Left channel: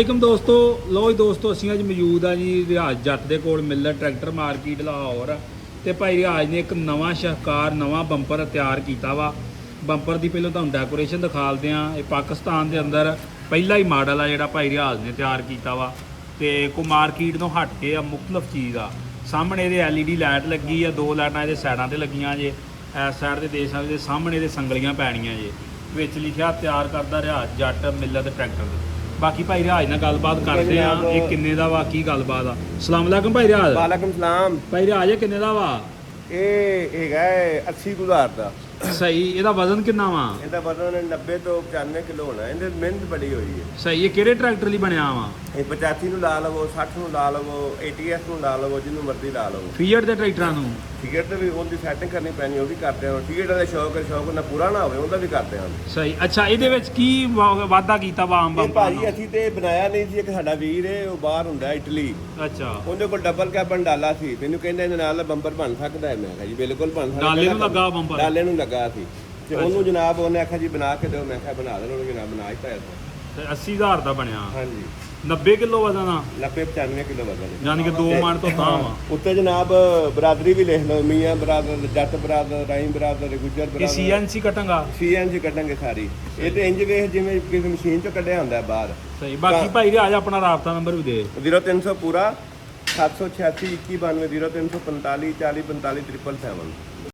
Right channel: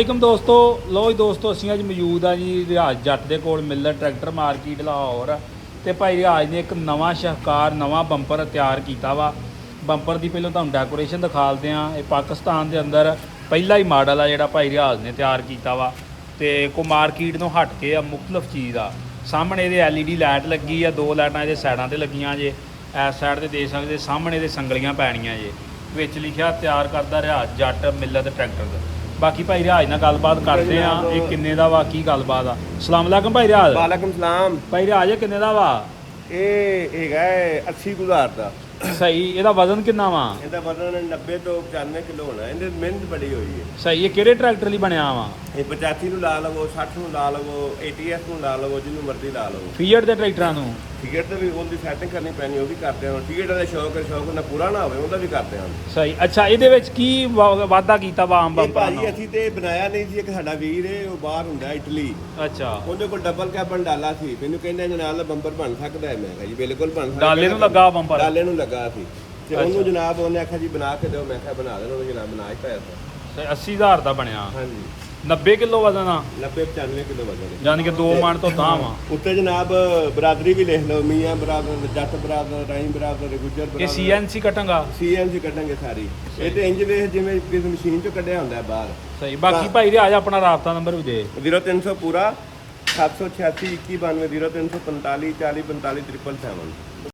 ਵਾਲੇਕੁਮ ਦੋਸਤੋ। ਲੋ ਜੀ ਦੋਸਤੋ, ਅਸੀਂ ਅੱਜ ਮੌਜੂਦ ਆ ਜੀ ਰਿਆਜ਼ ਜੱਟ ਦੇ ਕੋਲ ਮਿਲਰ ਟਰੈਕਟਰ ਮਾਰਕੀਟ ਲਾਹੌਰ। ਤੇ ਭਾਈ ਰਿਆਜ਼ ਨੇ ਇੱਕ ਨਵਾਂ ਸ਼ਾਹਕਾਰ ਨਵਾਂ ਬੰਪਰ ਤਿਆਰ ਕੀਤਾ ਵਾ। ਬੰਪਰ ਦੀ ਪਹਿਲਾਂ ਤੁਹਾਨੂੰ ਡੈਕੋਰੇਸ਼ਨ ਦਿਖਾਲਦੇ ਆ। ਇਹ ਪਾਕਿਸਤਾਨ ਦੇ ਅੰਦਰ ਪਹਿਲਾ ਹੀ ਮਾਡਲ ਆ ਜਿਹੜਾ ਭਾਈ ਰਿਆਜ਼ ਨੇ ਤਿਆਰ ਕੀਤਾ ਵਾ। ਤੇ ਕੋ ਮਾਰਕੀਟ ਤੋਂ ਹਟ ਕੇ ਆ ਮੁਖਤਲਫ ਚੀਜ਼ ਆ। ਸਾਹਮਣੇ ਇਹਦੇ LED ਲਾਈਟ ਲੱਗੀ ਆ, 2 ਲਾਈਟਾਂ ਇਹਦੇ ਸਾਈਡਾਂ ਤੇ ਲੱਗੀਆਂ ਜੇ। ਇਸ ਸਾਈਡ ਤੇ ਦੇਖ ਸਕਦੇ ਸਾਹਮਣੇ ਇਹਦੇ ਸੰਗਲੀਆਂ ਪੈਣੀਆਂ ਜੇ। ਵਿੱਚ ਲਿਖਿਆ ਤਿਆਰ ਕਰਦਾ ਰਿਆਜ਼ ਜੱਟ ਮਿਲਰ ਟਰੈਕਟਰ। ਬਾਕੀ ਭਾਈ ਰਿਆਜ਼ ਨਾਲ ਗੱਲਬਾਤ ਕਰਦੇ ਆ। ਇਹ ਕਿੰਨੇ ਦਾ ਵਾ, ਕੀ ਗੱਲਬਾਤ ਆ। ਸਲਾਮ ਅਲੈਕਮ ਭਾਈ ਰਿਆਜ਼। ਵਾਲੇਕੁਮ ਸਲਾਮ। ਭਾਈ ਰਿਆਜ਼ ਕਿੰਨੇ ਦਾ ਵਾ? ਇਹ ਹੈਗਾ 80,000 ਦਾ। ਸਹੀ। ਇਹਦਾ ਵਜ਼ਨ ਕਿੰਨਾ ਵਾ? ਇਹਦਾ ਵਜ਼ਨ 90 ਤੋਂ 95 ਕਿਲੋ ਹੋਣਾ। ਇਹਦੇ ਮਿਹਨਤ ਬੜੀ ਹੋਈ ਹੈ। ਸਹੀ। ਇਹ ਕਿਹੜੇ ਟਰੈਕਟਰ ਲਈ ਬਣਿਆ ਵਾ? ਇਹ 85 ਨੂੰ ਲਾ ਲਵੋ, 60 ਨੂੰ ਲਾ ਲਵੋ, ATS ਨੂੰ ਲਾ ਲਵੋ, ਜਿਹਨੂੰ ਮਰਜ਼ੀ ਲਾ ਲਵੋ। ਫੀਅਰ ਦੇ ਟਰੈਕਟਰਾਂ ਨੂੰ ਟਿਕਟ ਤੇ ਵੀ ਉਹਦੀ ਸੈਟਿੰਗ ਕਰਨੀ ਪੈਣੀ, ਉਹ ਵੀ ਕਰਦੇ ਹਾਂ। ਟਿਕਟ ਦਾ ਸ਼ੌਕ ਉਹਨਾਂ ਪੂਰਾ ਨਾ ਹੋਵੇ, ਉਹਦਾ ਵੀ ਕਰਦੇ ਹਾਂ। ਸਹੀ। ਅੱਛਾ, ਇਹਦੇ ਵਿੱਚ ਕੀ ਵਾਧਾ ਕੀਤਾ ਵਾ ਆਮ ਇਹ ਭਾਜੀ ਅਸੀਂ ਤੇ ਬਣਾਇਆ ਨਹੀਂ ਸੀ। ਇੱਕ ਸਾਡਾ ਵੀਰ ਹੈ, ਉਹ ਬਾਹਰ ਹੁੰਦਾ ਇਟਲੀ। ਅੱਛਾ। ਉਹਦੇ ਕੋਲ ਡਬਲ ਕੈਬਨ ਡਾਲਾ ਸੀ। ਮੈਨੂੰ ਕਹਿੰਦਾ ਇਹਦੇ ਨਾਲ ਬੰਪਰ ਬਣ ਸਕਦਾ ਹੈ। ਮੈਂ ਕਿਹਾ ਜੀ ਬਿਲਕੁਲ ਬਣ ਸਕਦਾ। ਡਾਲੇ ਨੂੰ ਲੱਗਾ ਬੰਪਰ? ਡਾਲੇ ਨੂੰ ਲੱਗਾ ਸੀ। ਤੇ ਉਹਨੂੰ ਜਨਾਬ ਉਹਨੇ ਆਖਿਆ ਜੀ ਬਣਾ ਕੇ ਦਿਓ। ਮੈਂ ਕਿਹਾ ਬਣਾ ਦੇਣਾ। ਉਹਨੇ ਜਨਾਬ ਬਣਾ ਹੀ ਪਾਇਆ। ਤੇ 80,000 ਦਾ ਬਣਿਆ। ਹਾਂਜੀ। 90 ਕਿਲੋ ਵਜ਼ਨ ਆ। 90-95 ਕਿਲੋ ਵਜ਼ਨ ਹੈ। ਯਾਨੀ ਕਿ 2 ਮਣ ਤੋਂ ਤਾਂ ਵਾ। ਉੱਤੇ ਜਨਾਬ ਬਰਾਦਰੀ ਵੀ ਲਿਖ ਲਓ। ਮੀਆਂ ਬਰਾਦਰ, ਜੱਟ ਬਰਾਦਰ, ਰਾਈਮ ਬਰਾਦਰ, ਗੁੱਜਰ ਇਹ ਬਰਾਦਰ। CNC ਕਟਾਂਗਾ। CNC ਕੱਢਾਂਗੇ ਸਾਰੀ। ਇਹ ਤੇ ਇੰਜ ਵੇਖ ਜਿਵੇਂ ਕਿਸੇ ਮਸ਼ੀਨ ਚੋਂ ਕੱਢਿਆ ਹੁੰਦਾ ਬਾਹਰ। ਸਹੀ। ਬਾਕੀ ਭਾਈ ਰਿਆਜ਼ ਆਪਣਾ ਰਾਬਤਾ ਨੰਬਰ ਵੀ ਦੇ। 0300 ਪੂਰਾ 786 2192 0345 40 45 777।